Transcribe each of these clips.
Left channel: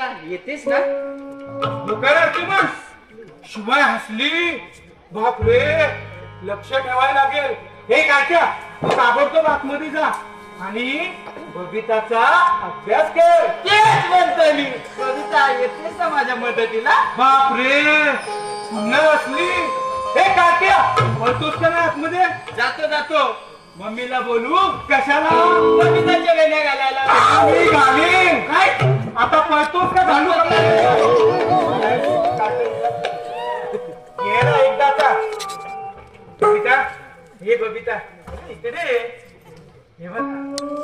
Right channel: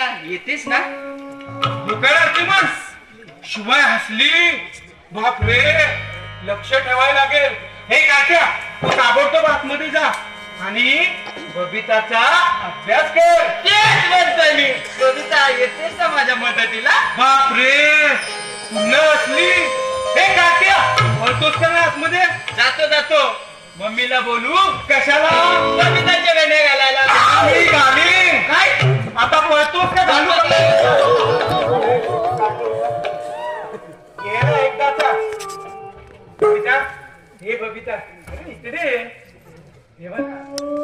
येतेस ना? दुकानाची मग. शिवाय हसली. बापरे लक्ष ठेवायला लागेल. हे काट्या तू ताबडतोब आतमध्ये जा. आणि बबिताचा अभ्यास कर. तेच म्हणतोय मी. कविता येतेस ना माझ्या मदतीला? बापरे पुन्हा हसली. हे काट्या पळतोस का नाही आतमध्ये? जातो जातो. मम्मीला बोलू कशाला? कविताच्या वेण्या घालायला. घालीन. काय आता पळतोस का घालू एकदा आता. बबिता ये बबिता. इकडे हे बघ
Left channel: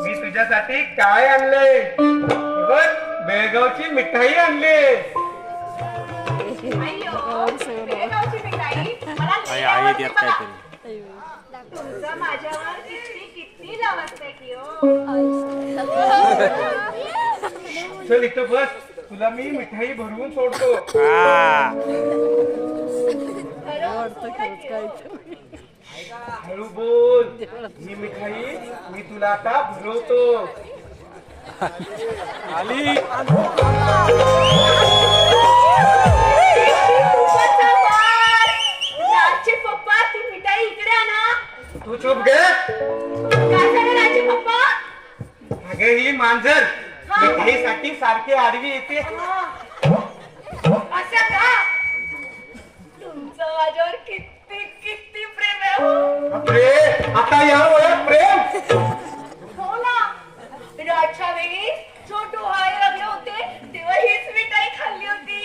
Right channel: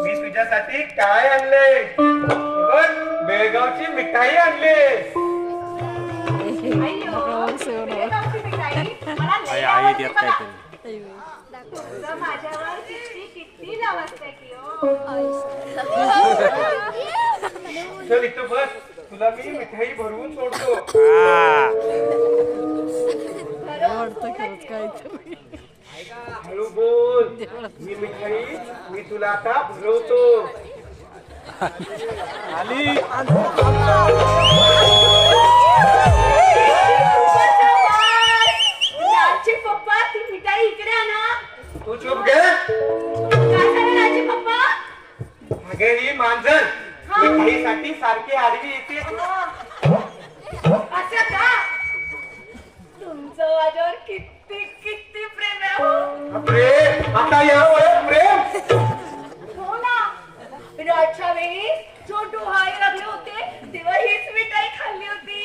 मी तुझ्यासाठी काय आणले? हे बघ बेळगावची मिठाई आणले. आई आई देत काहीतरी. चल इथं बस. तुला मी मिठाई भरवून सोडतो. हा हळू बोल. ही मिठाई मी तुला आता भरवतो. आली राजचे पप्पा ती मिठाई इकडे आणा तू चुप घे काय झालं राजचे पप्पा? अगे ही मांजर. मिठाईसाठी सारखे आडवी येते. असं का? तुमचं माझ्यावर किती किती प्रेम आहे हो. आता या प्रेम. हो ना. राजच्या वेळी छोटू हाय लागले होते तेव्हा हीच मिठाई खाल्ली होती.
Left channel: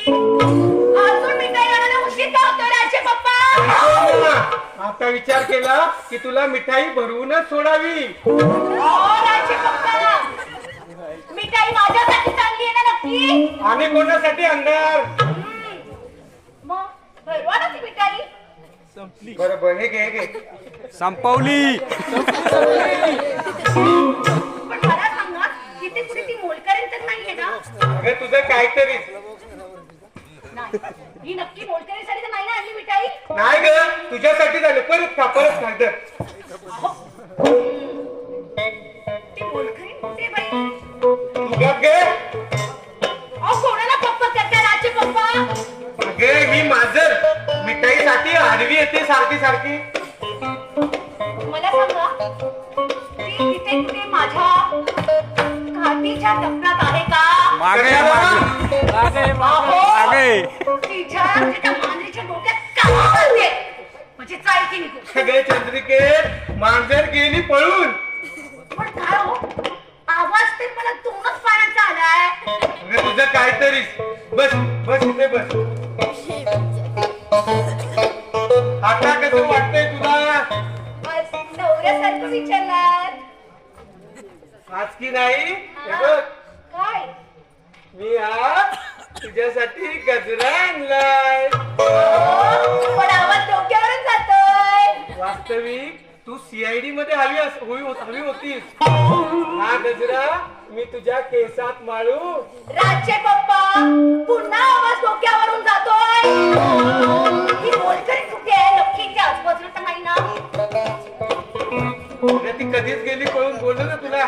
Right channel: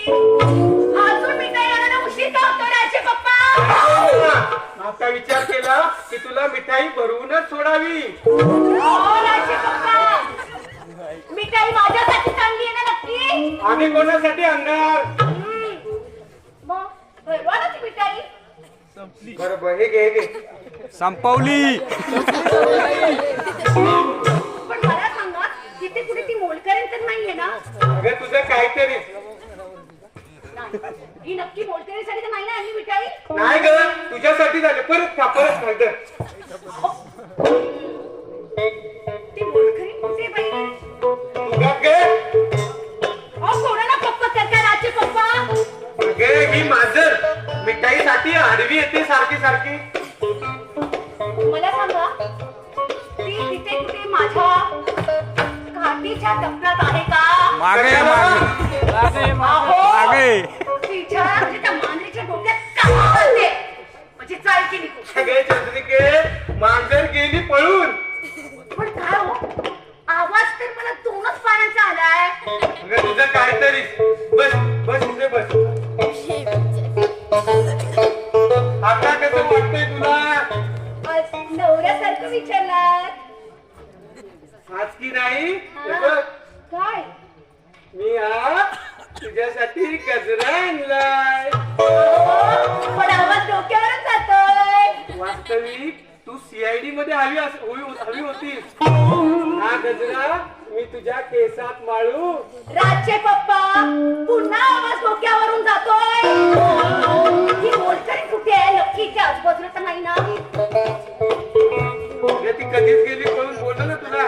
अजून मिठाई आणायला उशीर का होतो राजचे पप्पा? आता विचार केला की तुला मिठाई भरवूनच सोडावी. हो माझ्यासाठी चांगली आहे ना नक्की? आणि कोणासाठी आणणार? मग हे घे हे घे. संपवली. पण मला सांगा तिथे कुठे ती मोलकरीण तर नाहीये ना? अगं तुझं काहीतरी. नाही. ही नक्की मोलकरीसाठी तर नाही ना आणली मिठाई? नाही ग तुझ्यासाठी झालं. परत खा परत खा इथं. ती मोलकरीण मी मांजर मिठाईसाठी आडवी येते सारखी सारखी. मला सांगा ती तिथे कुठे माझ्या घाटीच्या टप्प्यात आहे का? मागे मागे. मागे तिच्या त्या मानेच्या डोक्यात काय घालते? म्हणजे चालते निघून सगळे चंद्रिके मांजर गेली पळून. पण काय हो? आवाज तर मला अगं तुझं काहीतरी. बस बस इथे बस. आता कसं वाटतंय तुला? आज नवऱ्यासारखं विचारलात. आज की नाही? हे. बघ, काय? मी हा तुझ्यासाठी गजरा आणलाय. अहो, पण आवाज डोक्यावरच जातोय. वास्तविक तू सीआयडी मध्ये आली अस- होई हवी होतीस. हा गजरा मी तुझ्या केसात माळू. राजचे पप्पा पुन्हा आवाज डोक्यावरून जातोय. ही मोलकरी कुठे आहे? नक्की इथे आजूबाजूला तर नाही ना? अगं ती कधीच गेली पळून बोललो ना तुला.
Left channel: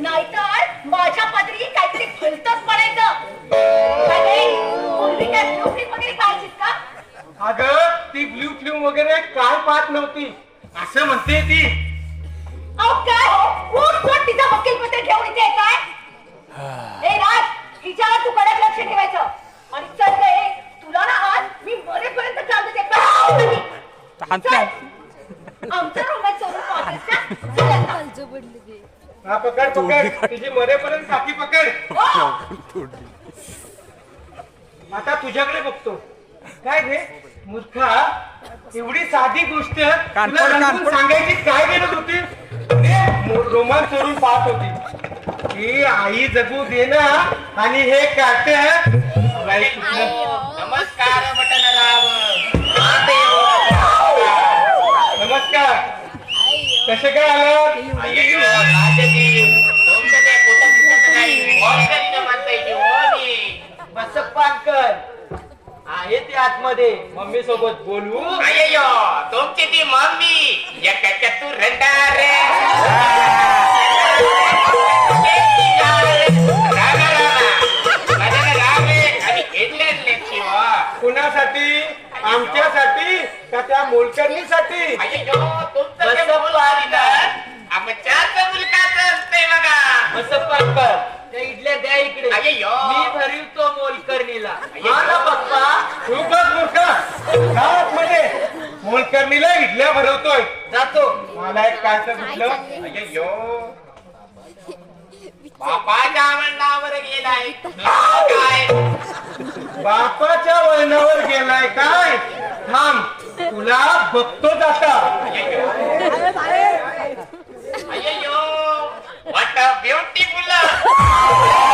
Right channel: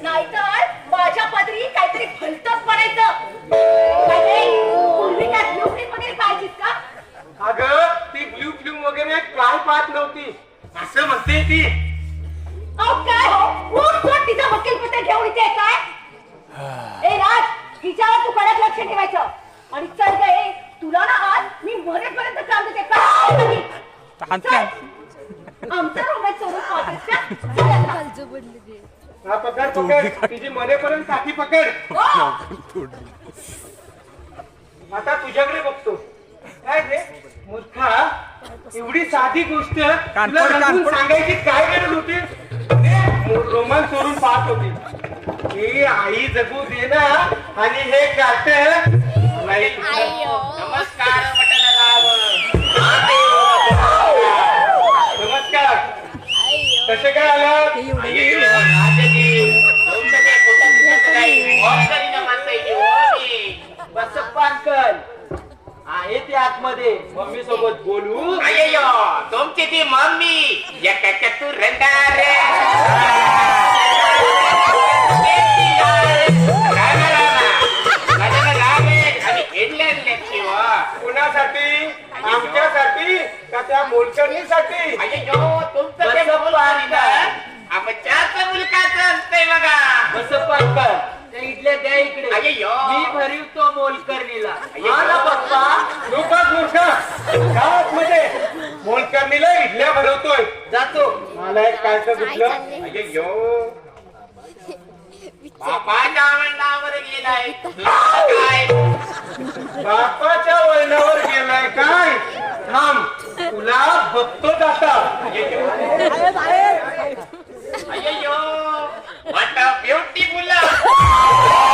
नाहीतर माझ्या पदरी काहीतरी भलतच पडायचं. काय रे? पूर्वी त्या ब्लू फिल्ममध्ये पाहिजेस का? अगं ती ब्ल्यू फिल्म वगैरे काय पाहत नव्हती असं म्हणते ती. अहो काय? कोण कोण तिचा वकील पत्र घेऊन इथे आहे? काय ए राज हिच्यावर तू कडक लक्ष ठेवायचं. आणि चल गे तुला ना आज मी मरेपर्यंत चालते ते काय हाणते आमचं पाहतेस का? आता. हा पकड पकड. तुझी मरेपर्यंत खाती पकड. तोडली. आता तुझ्याकडे बघतो. काय रे? मूर्खा एवढी साधी गोष्ट कानपड, तुला रंगवून कानपड. सांगायची काय गरज होती? ते रोमान चोरून पाहत होती. ही आई जगू दे ना. आणि हे काट. नमस्कार बटलराव नमस्कार. कसे काय आला राजाजी तुमचं ते कुठं काही ऑर्डर म्हणताय की मी बसप्पा अंकल आहे ते आतमध्ये मम्मी सोबत बोलू अय्यो तुमची ती मम्मी एक तू रंगारे कुणासाठी आमच्यासाठी का त्या मोलकरणीसाठी बसप्पा अंकल त्या इडल्या द्या इकडे. मी भरवतो मोलकर्णीला. हा ना पप्पा. तू मूर्खा मध्ये मोलकरणीला इडल्या भरवतोय. जातो. मला एक कायचं कुठलं? अय्यो बापाच्या आवडणावर गेलाय. काय? बापाच्या वळणावर गेलाय काय? थांब. तुला बघतो आता beautiful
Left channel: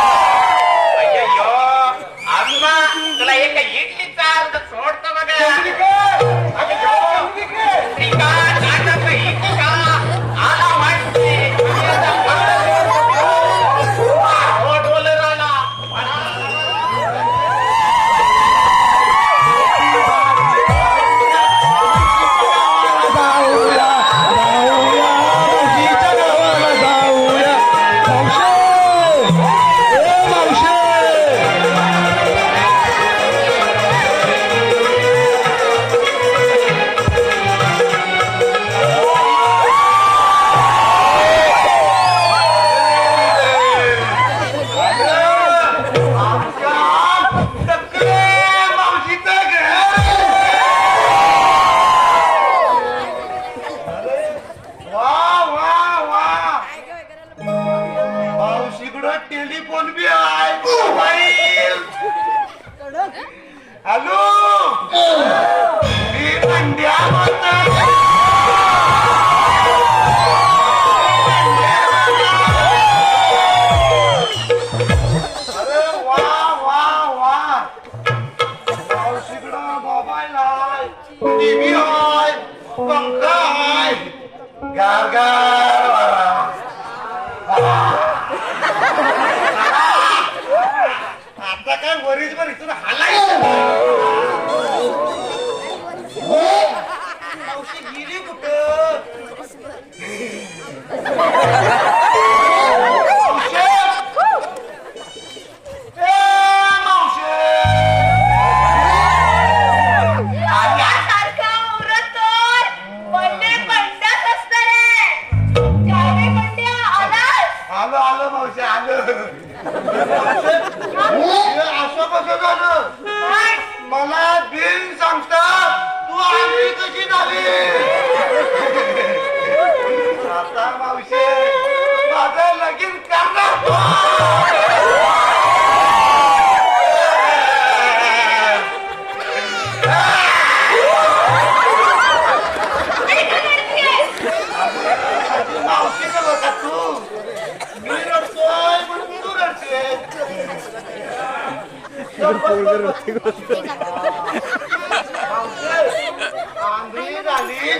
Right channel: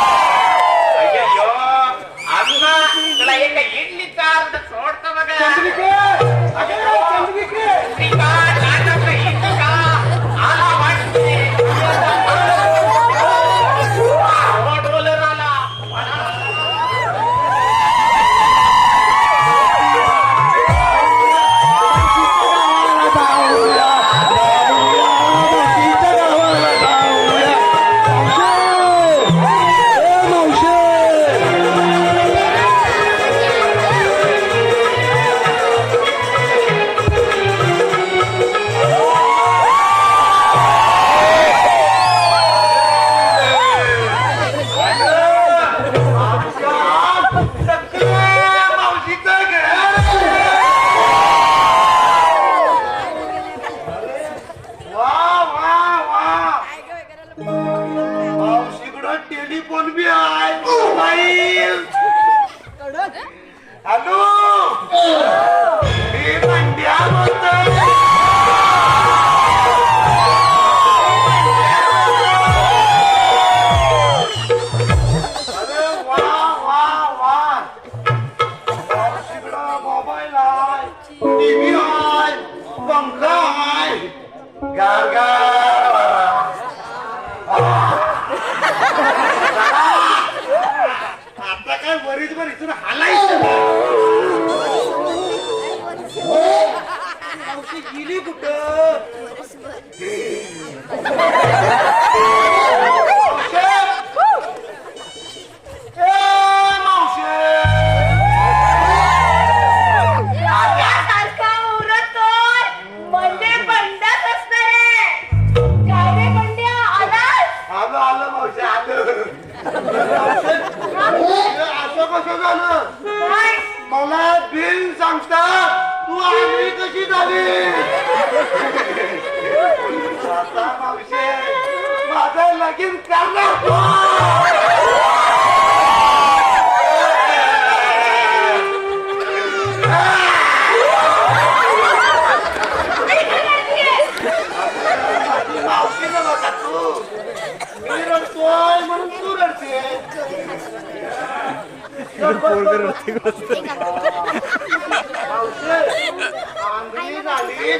आंधळी झाली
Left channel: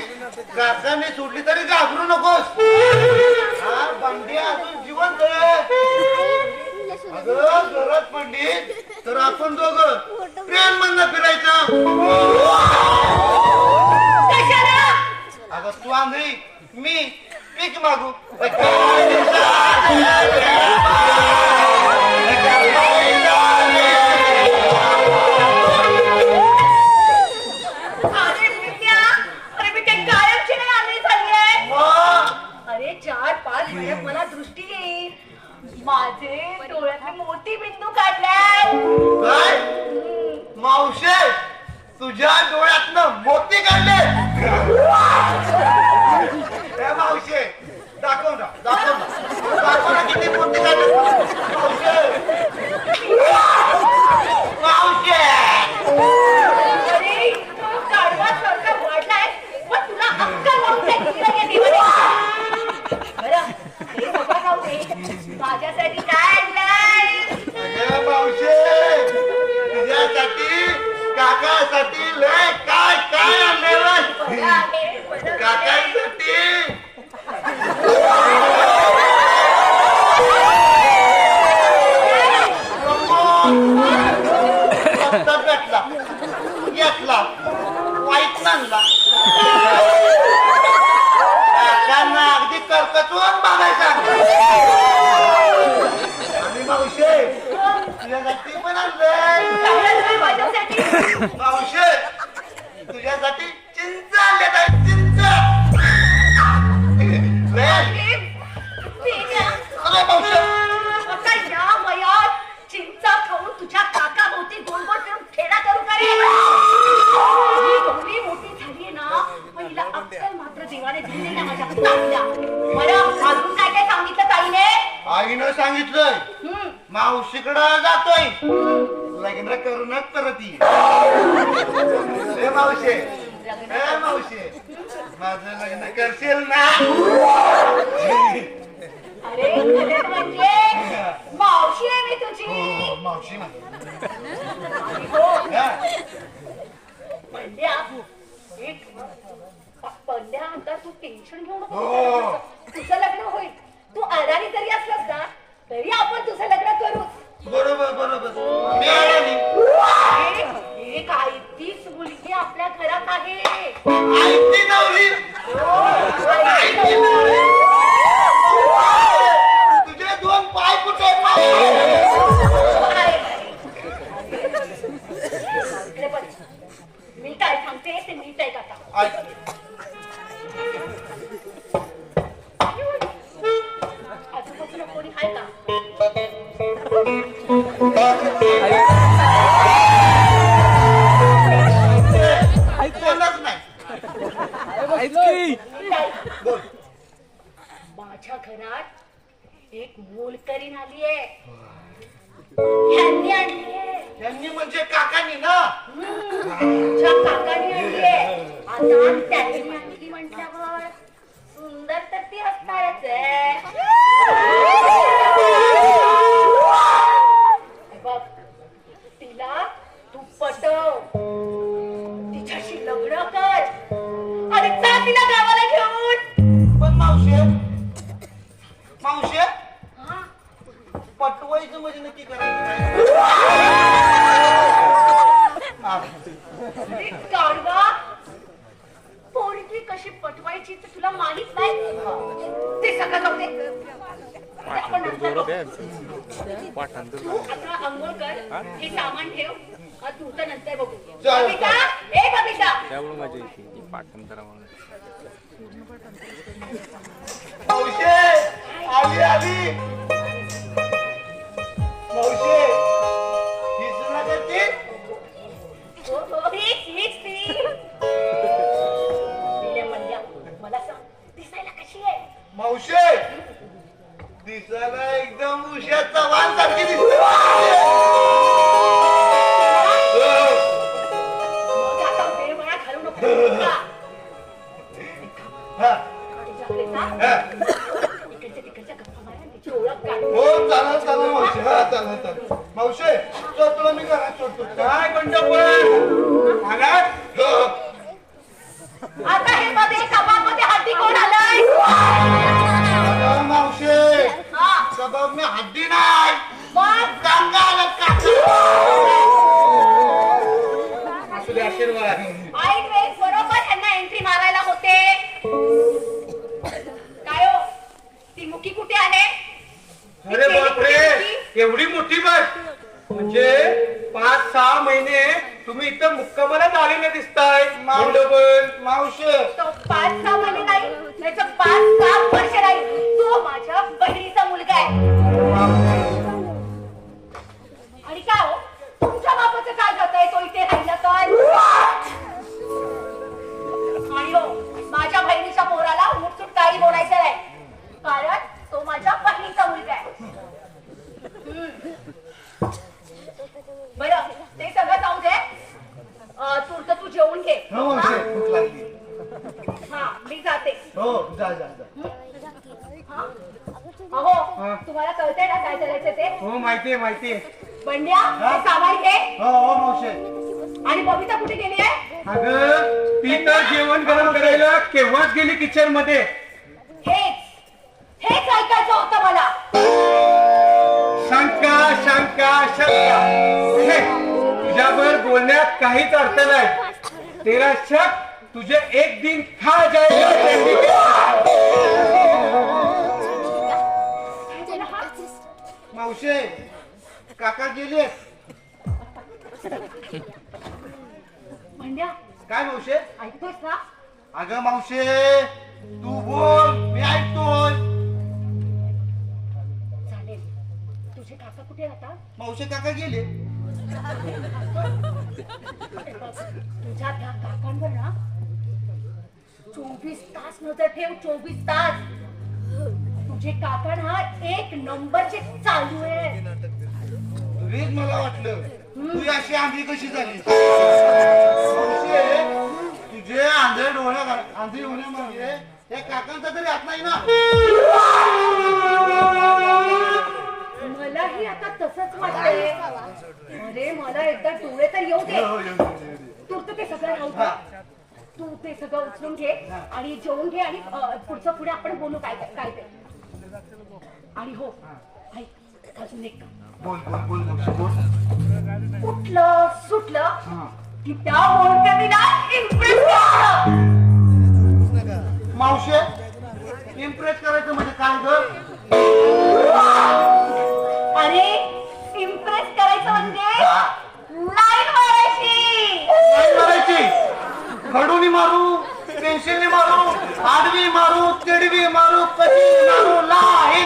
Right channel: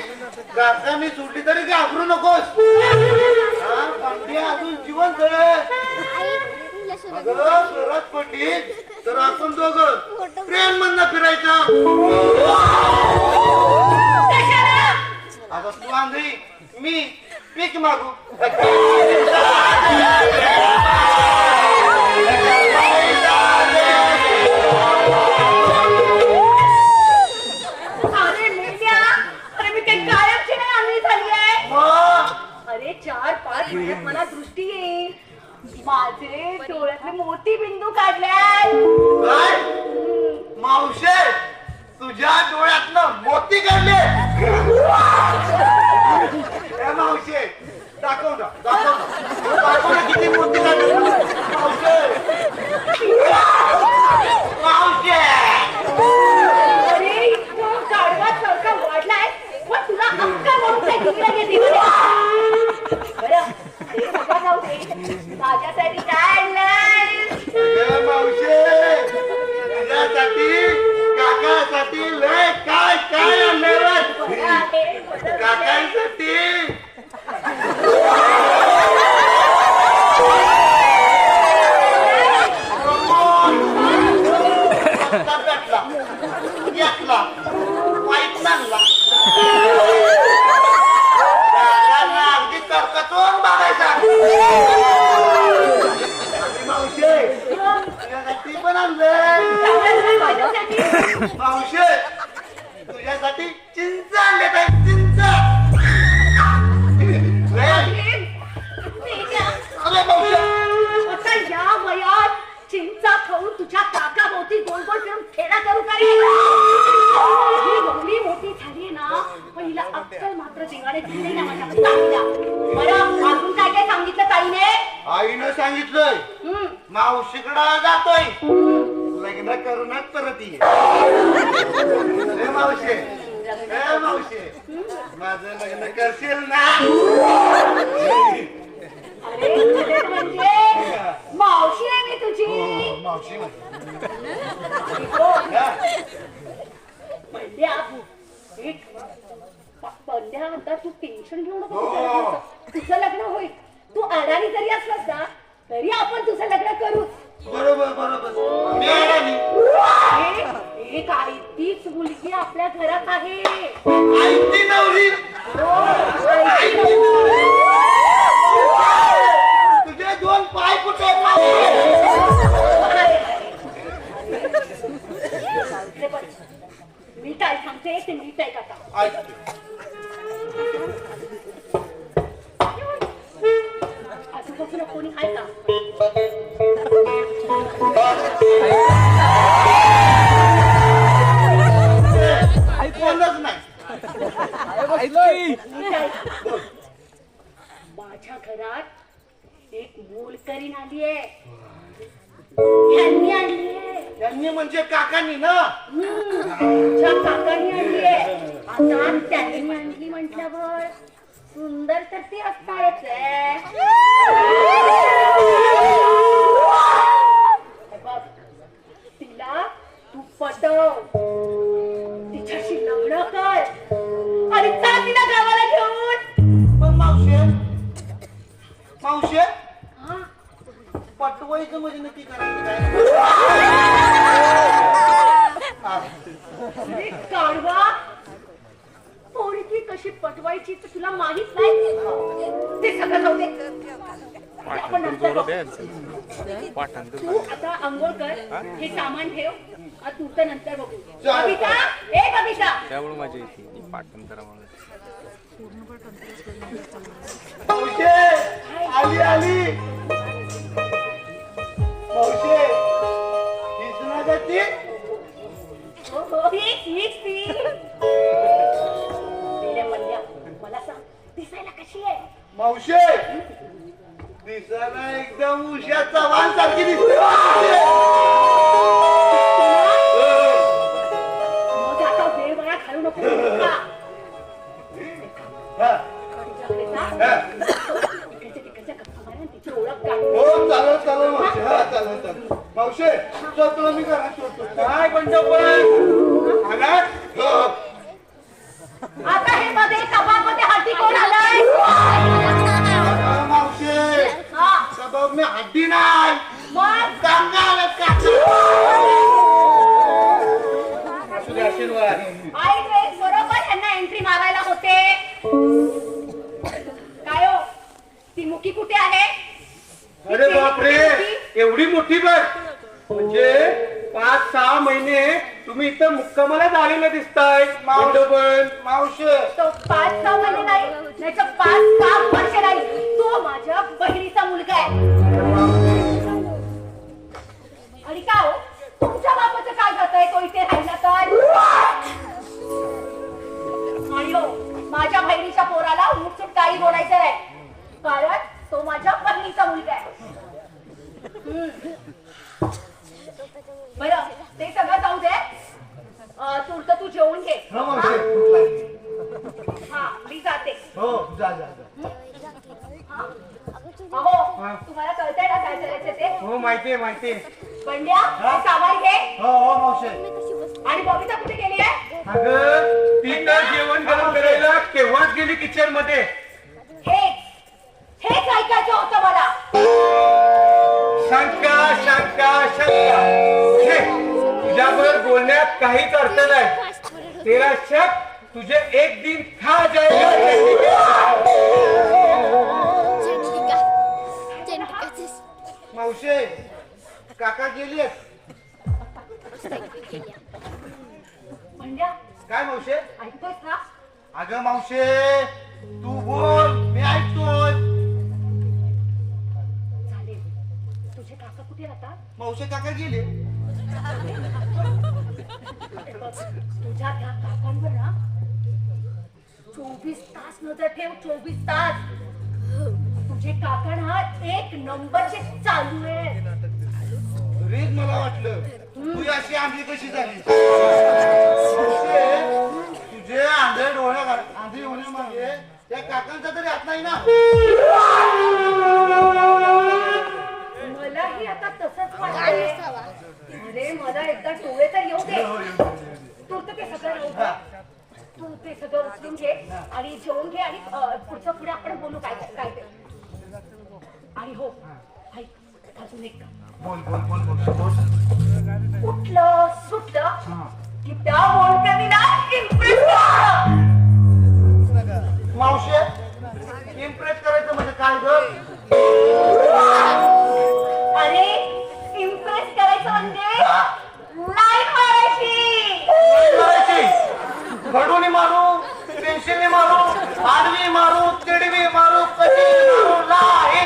घरच्यांनी सुटली तरी घाबरू नकोस जीवन बंडी अजून गरज पडली तर आपण दोघं ट्रेन मधनं फिरायचं अगं तू आंधळी मी पीक मागू. मावशे आपण तुझं लग्न करू बरोबर बरोबर मी. हे- आयतीच मुलगी आपल्या घरात आहे आई ती नवरी आई ती नवरी. तुझे दोन पाय कुठे आहेत मावशी? मी काय सांगते ते नीट आहे ऐक. नाही बोल माझ्या घरात एक मोलकरीण आली आहे आणली त्यांनी म्हणजे काकांनी ना तुझ्या काकांनी आणली आहे. आता त्यांनी आणली म्हटल्यावर सुंदर तर ती असणारच आहे. पटवायची तर तुला माहीत नाही? ते सगळं जाऊ दे. आपण पाठांतर जोरात आहे. पाठांतर तू लागलं. आता आंघोळ कर हे? सामान ठेव तू तर नंतर बघू. ए त्यामुळे मजा येते ती पाठांतरामुळे. मावशे आली आली. मावशे हीच ना एवढी मोठी बस म्हणजे पाच सहा महिने तुम्ही इथं मुक्कामाला आलेले दिसताय. बंडोबल मावशी. तो पाच सहा महिने नाही त्याचं पाच सहा वर्ष नाही. तो माझ्या बहिणीचा मुलगा आहे. आणि काय हो? तुमच्या बापाचं काय जातंय? तो इथे राहिला तर? आणि हो माझ्या बहिणीच्या पोराला मुठसूट काही बोलायचं आहे कारण तो माझ्या बहिणीचा मुलगा आहे हम्म. बरं ते सगळं जाऊ दे. तुमचं तू जेवून घे. हो मावशी भूक लागली. हा मी जाते. हो जा जा जा. हा? अहो हा. तुम्हाला कळतंय ना काय करायचं ते? हो माहितीये माहितीये. बंड्या हे? सामान घे. हो हो मावशे. आणि बबिता कुठे गेली आहे? अगं ती तर जेवण गरम करायला केव्हाच गेली किचनमध्ये? हेच हेच ऐकायचं होतं मला. शंका हे, तुझ्यावर बोलण्यात काहीच अर्थ नाही. तेरा शक तुझे एक दिन खा जाएगा मावशे काका बंड्या काय मावशे? ऐकतोयस ना अगं मावशे तू बोल मी ऐकतोय. मावशे काका गेले. तुझ्या त्या काकांवर ना. चोवीस तास नजर ठेव चोवीस तास. तुझे काका ना एक नंबरचे चालू आहे. रीत मला वाटलं. तू अशी आंधी कशी झाली? तुझे आंधळे डोळ्या घाल- आंधी होण्यामागे त्या काकांचा तरी हात नाही ना? मलाही आता तसंच वाटतंय अरे मला एकदा डोळे तर येऊ दे. तू तर ते सगळं राहू दे. तू ते सगळं उचलून घे आणि जेवून घे आणि अं, पुढचं पुढे आपण बोलू काय काय ते. आणि हो ऐक अजून एक. बोल बोल बोल मावशे बोल. कुठलं सुटलं की त्या impress करा. मावशे इम्प्रेस करायचं म्हणजे काय ग? अरे इम्प्रेस करायचं म्हणजे लाईन मारायची. काय मारायची. घडून मारू पेन्सिलने मारू आडवी मारू तिडवी मारू कधी मारू नाही.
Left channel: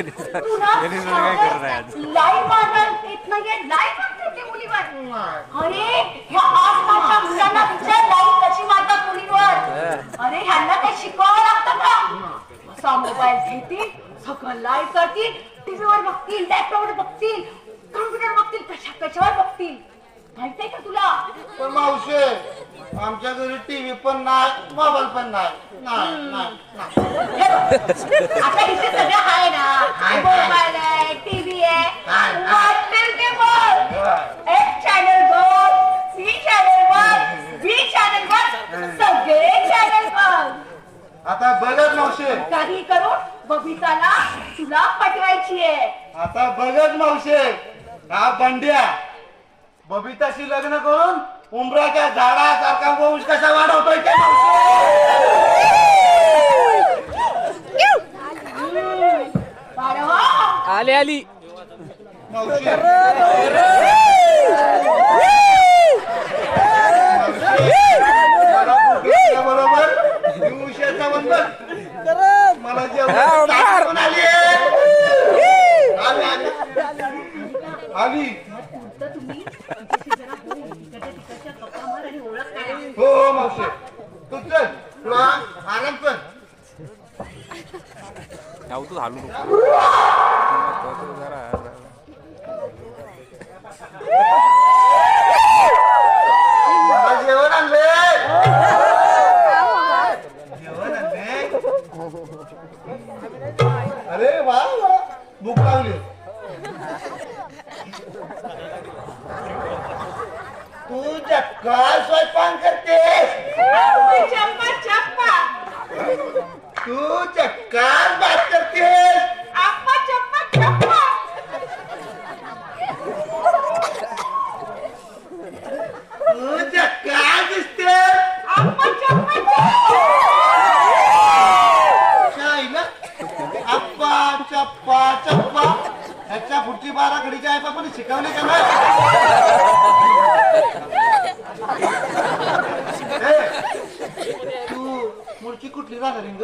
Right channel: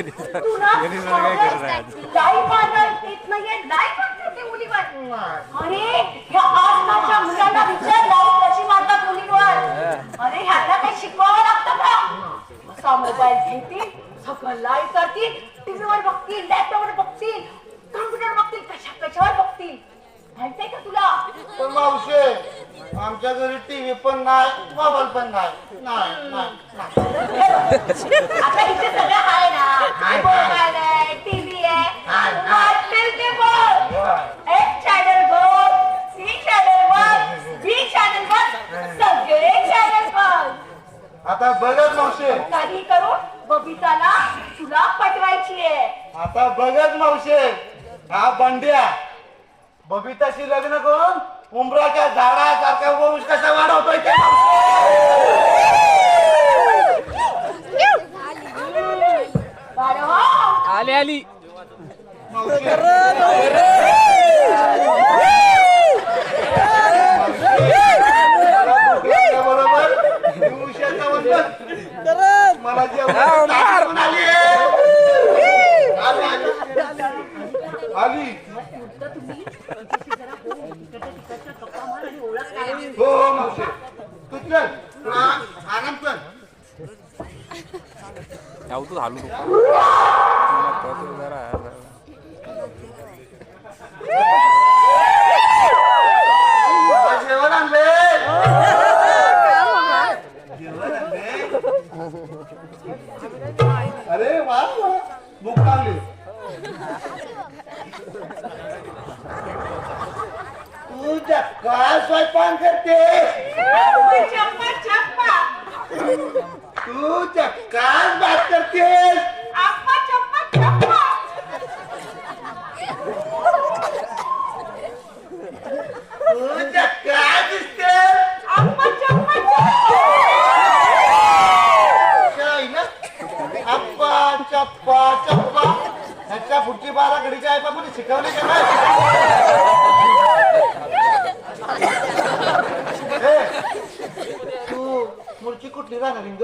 यांनी सगळं काय करत आहे आज? अरे मुलांना विचारलं कशी मारतात मुलींवर अरे ह्यांना काही शिकवावं लागतं का? असा मोबाईल घेतील सगळं लाईव्ह करतील टीव्हीवर बघतील लॅपटॉपवर बघतील कम्प्युटर बघतील कशा कशावर बघतील? माहितीये का तुला? पण मावशे आमच्या घरी टीव्ही पण नाही मोबाईल पण नाही. आता इथे सगळं आहे ना मोबाईल आहे टीव्ही आहे ते बघ एक चॅनल बघ सी चॅनल बघ बी चॅनल बघ सगळे चॅनल बघ आता बघत मावशे. काही करून बबिताला तुला पटवायची आहे आता बघत मावशे. हा बंड्या. बबिताशी लग्न करून उमराच्या झाडासारखा वंश कसा वाढवतोय ते बरोबर? मला जेवण आली आली. आली. हो हो मावशे. तू चल. तुला आराम कर. जाऊ तू हालू नको जरा. जेवण आणले जेवण आणले अरे वा वा. भूक लागली. काय स्वयंपाक करते चप्पा, चप्पा. तू चक्का बात करतेस आप्पा, तू चक्का आप्पा, चप्पा. अप्पा चप्पा चप्पा ह्याच्या पुढची बारा घडीच्या आहे पण शिकवली का नाही तू मुलची कुठली राहणार रिंग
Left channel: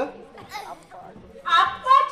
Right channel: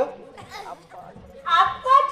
आपण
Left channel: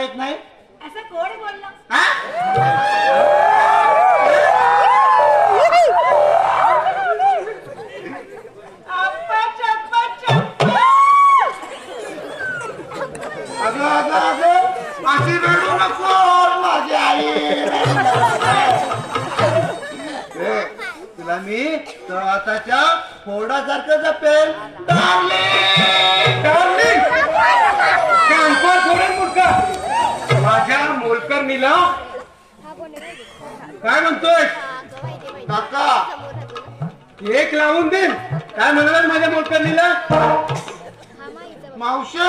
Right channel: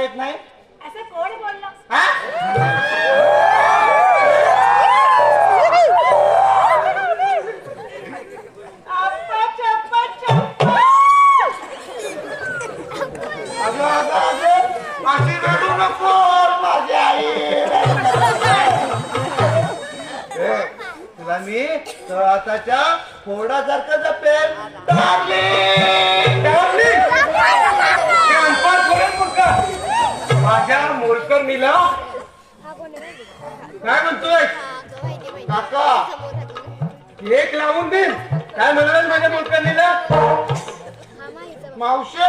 येत नाही असं कोण बोललं? अगं अगं अगं अशी रडू नको माझी आई ए, तुला मी तो आताच्या फोडासारखं जपेल डार्लिंग डार्लिंग! मूर्ख. माझ्या मोलकर मीला. काय म्हणतोय? काका एक लावून दे काय म्हणाल माझ्या मोलकरणीला मावशे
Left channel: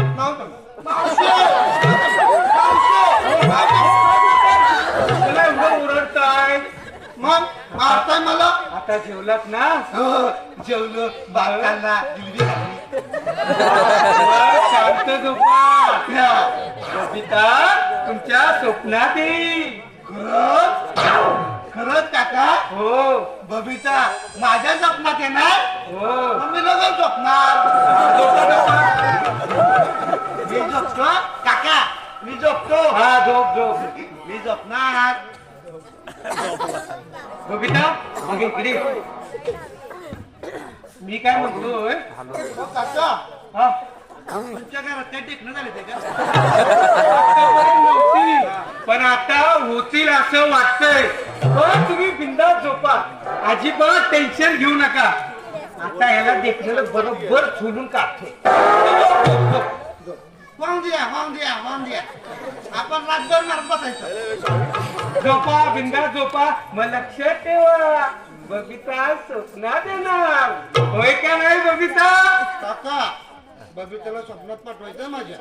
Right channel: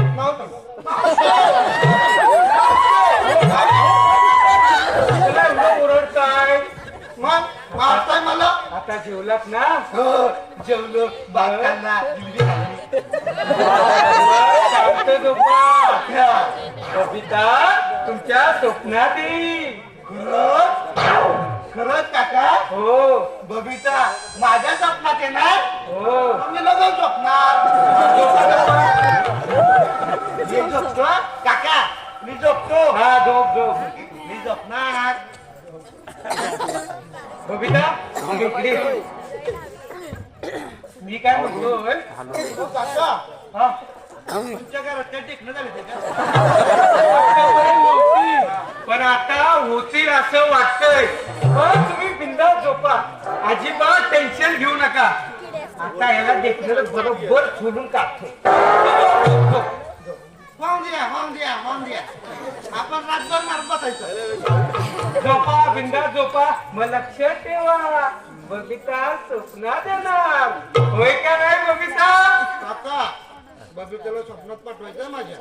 मावश मावशे. ओरडताय. मग मारताय मला आता जेवलात ना? हो जेवलो. बायकांना दिली शांत झोपा. तुमच्या स्वप्नात येईल खरंच काका? हो. बबिता माझ्या स्वप्नात येणार? हो. मी लगेच झोपणार. मी झोपतो काका मी झोपतो. हा झोप झोप. मी झोपणार. बबिता इकडे. मी काय म्हणतोय हो, काका हा. तुमच्या घरात काय टेकणं झाले ते का? नव्हती. पण आता होतील असं वाटतंय. पण तुम्ही बिंदास झोपा. अजिबात टेन्शन घेऊ नका. आता याला देखणं बरोबर झुलून काढतो होऊन द्या होऊन द्या होऊन द्या आपण रातभर मारत बसायचं. झोपा बिंदास झोपा मग लक्षात ठेवा. बबिता स्वप्नात येणार होय का नाही बबिता? काका बबिताला स्वप्नात पाठवायचं माझ्या.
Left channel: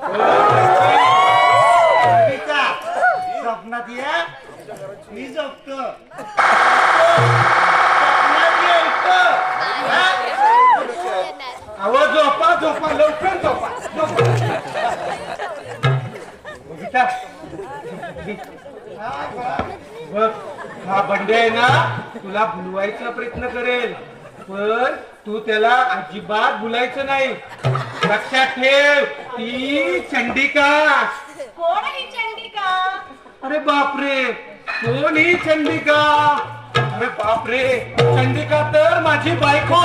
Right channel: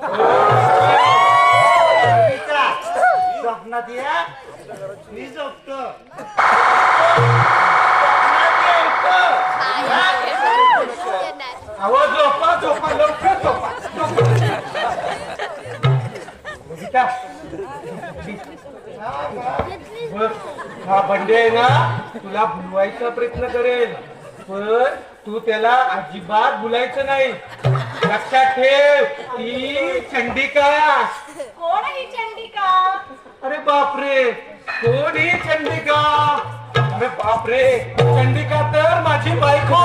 बबिता स्वप्नात या. मी झोपतो. स्वप्नात. अहो झोपा झोपा लवकर झोपा हा बंडे आहे ना तुला भुलवायचा प्रयत्न करेल पण तू त्याला अजिबात भुलायचं नाही. लक्षात ठेव ती चंडिका. कोण ही चंडिका? अरे बापरे कोण ही चंडिका? अरे बापरे चंडिका तर माझी बायको.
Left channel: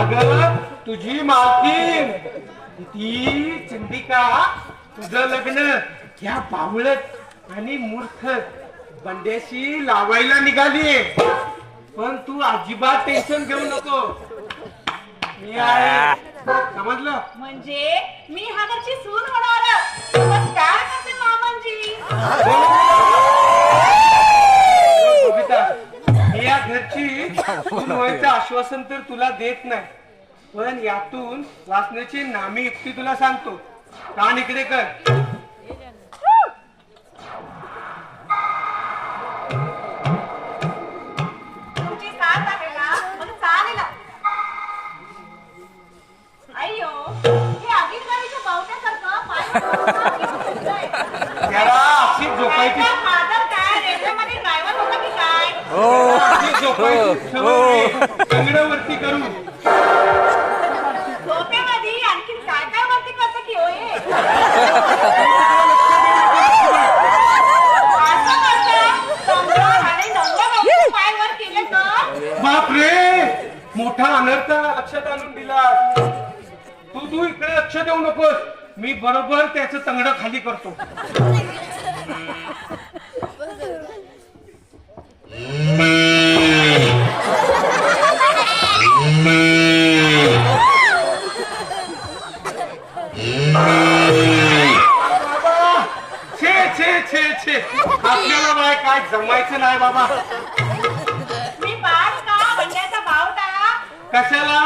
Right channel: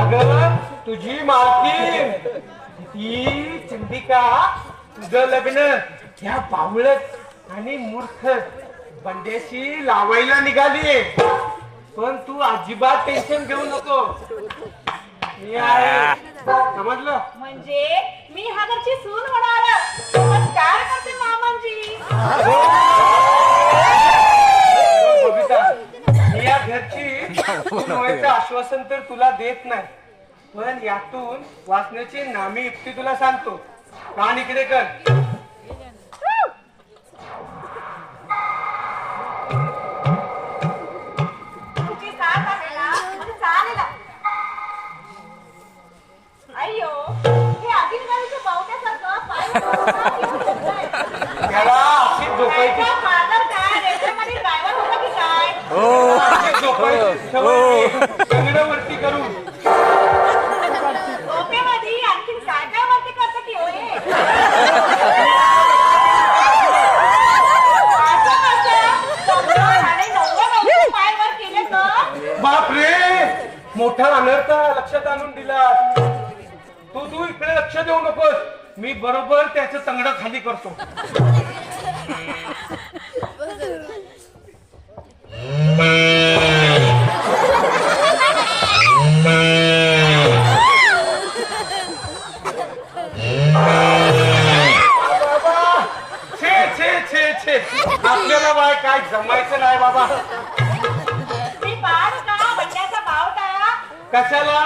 अगं तुझी मालकीन ती चंडिका तुझं लग्न त्या बावळत आणि मूर्ख बंड्याशी लावायला निघाली. पण तू अजिबात टेन्शन घेऊ नको. मी आहे. समजलं? म्हणजे मी हा घरची सून होणार. नमस्कार करते मामांजी? आश्वासन तर तुला देत नाही. पण यातून वाचण्याची नामी युक्ती तुला सांगतो. कान इकडे कर. तुमची साथ आहे ना मग चालेल अय्यो हे अधिकारीच्या पाहुण्यासारखं पाय याला अशी झोपायची माझं काय रेल्वेमध्ये ड्रायव्हर होता की काय अशी झोपायची सवय कंगडावरती करून झोपेमध्ये आणखी काय काय वरती करतं की होय असं कसं? समजावून आले नव्वद अंश पाय वर केले तर? बापरे! मोठा अनर्थ लक्षात आणून दिला तू तू इकडे लक्ष देऊ नकोस. मी बरोबर त्याचं तंगड खाली करतो. जमायचं नाही बाबा. मी पाच का बावटा. कशाला?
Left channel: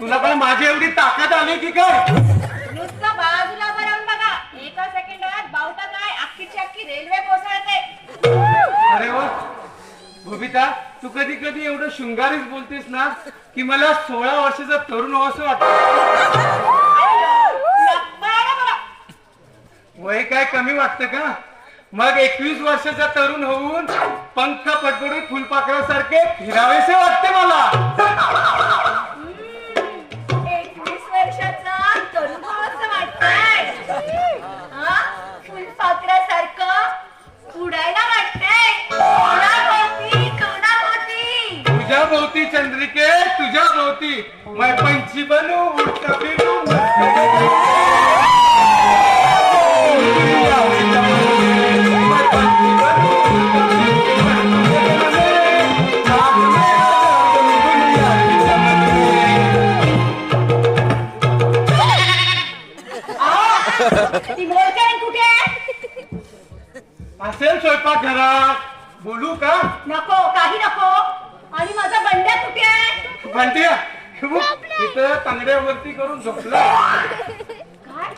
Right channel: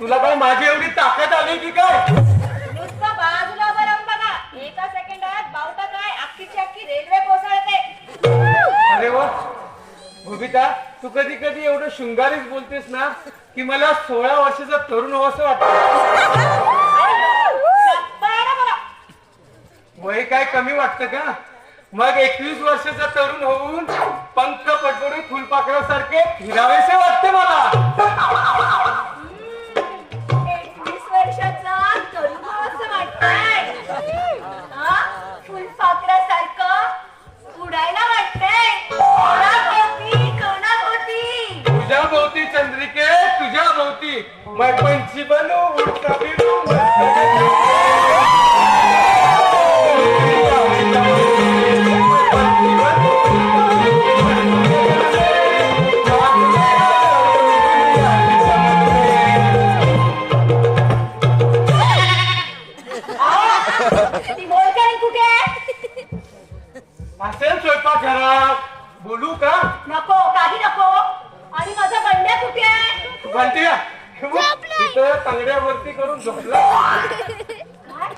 तुला काय माझी एवढी ताकद आली की काय? नुसतं बाजूला बरं बघा. एका सेकंदात बावटा काय? अख्खीची अख्खी रेल्वे कोसळते. अरे वा. तू कधी कधी एवढं शृंगारीच बोलतेस ना की मला सोळा वर्षाचा तरुण असं वाटतं. वय काय कमी वाटतं का? मग एकवीस वर्षाचा तरुण होऊन पंख पटोरी फुलपाखरासारखे फिरावेसे वाटते मला. एकवीस वर्षाचा तरुण असं वाटतंय. हा? फुलपाखरासारखं उडायला वाटतंय. कोणाभोवती? कोणाभोवती? तुझ्या भोवती चंद्रिके तुझ्या भोवती मैं पंछी बनू उडता फिरू मस्त ती बोलते कुठे आहे? असेल स्वयंपाक घरात. बोलू का? नको काही नको. आणि माझा बंड्या कुठे आहे? म्हणते तिथं तांगड्यावरती करून झोपला काय?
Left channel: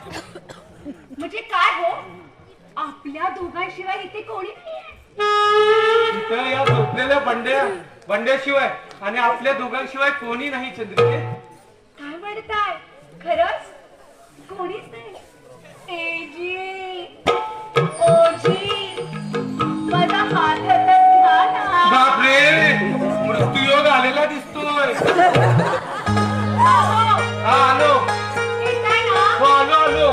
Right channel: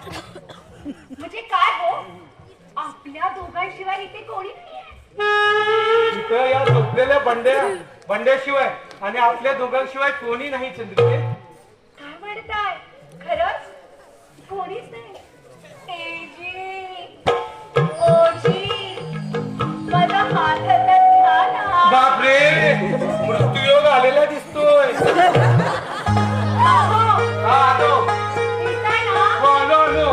म्हणजे काय हो आपल्या दोघांशिवाय इथे कोणी नाहीये. तिथं या झोपलेल्या बंड्या बंड्याशिवाय. आणि आपल्या दोघांशिवाय कोणी नाही चंद्रिके. काय म्हणताय? खरंच? कोणीच नाही? बापरे मृत्यूयोग आलेला दिसतोय. हा आलो? हो? आलो आलो.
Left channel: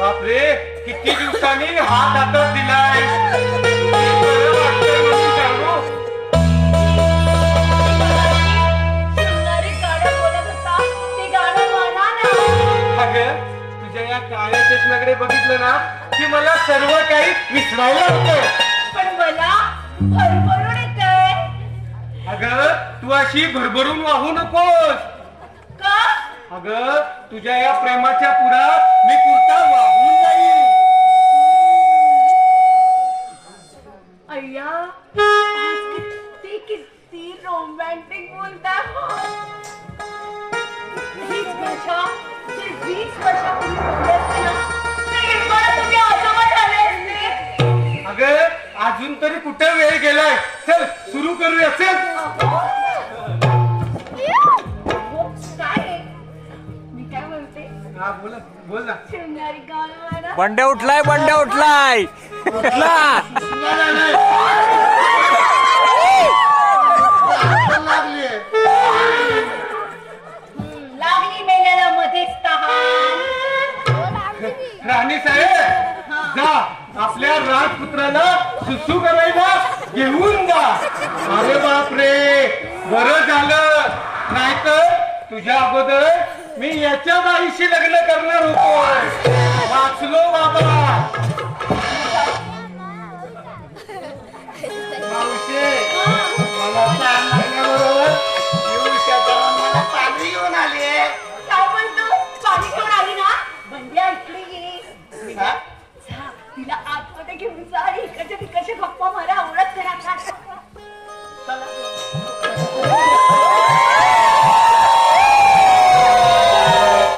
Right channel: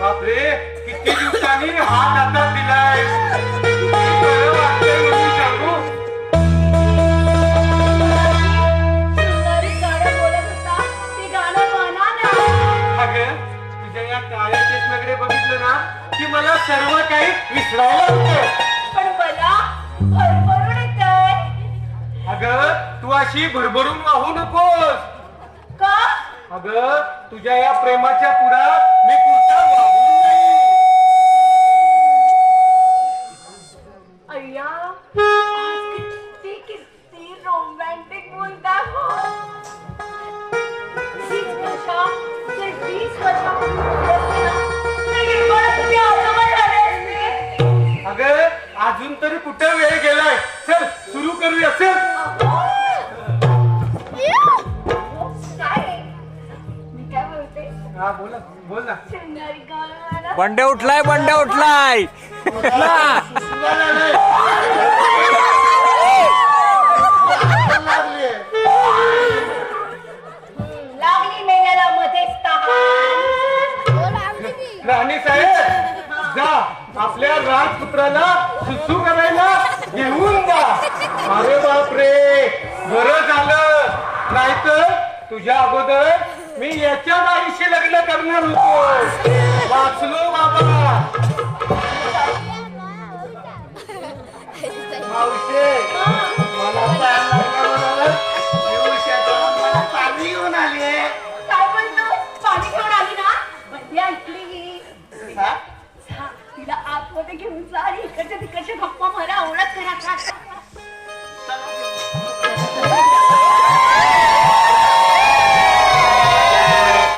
बापरे किती दिवसांनी हात हातात दिलाय. चष्म्याकडे बघितलं ना की मला सर्व काही विसरायला होते पण मला येतंय. अगं तू अशी भरभरून वाहू नकोस. का? अगं तुझ्या या प्रेमाच्या पुरात मी पुरता वाहून जाईल अय्या किती किती रोमॅन्टिक मुलगा हो. वीस वर्षा जर वीस वर्षापूर्वी अजून तरी कुठं वेळ गेलाय? चल सुरू करूया चल. हो, काय आहे? मी काय बोलते बोला बोल. ना गाणं. बंड्या उठलाय बंड्या उठलाय. लागली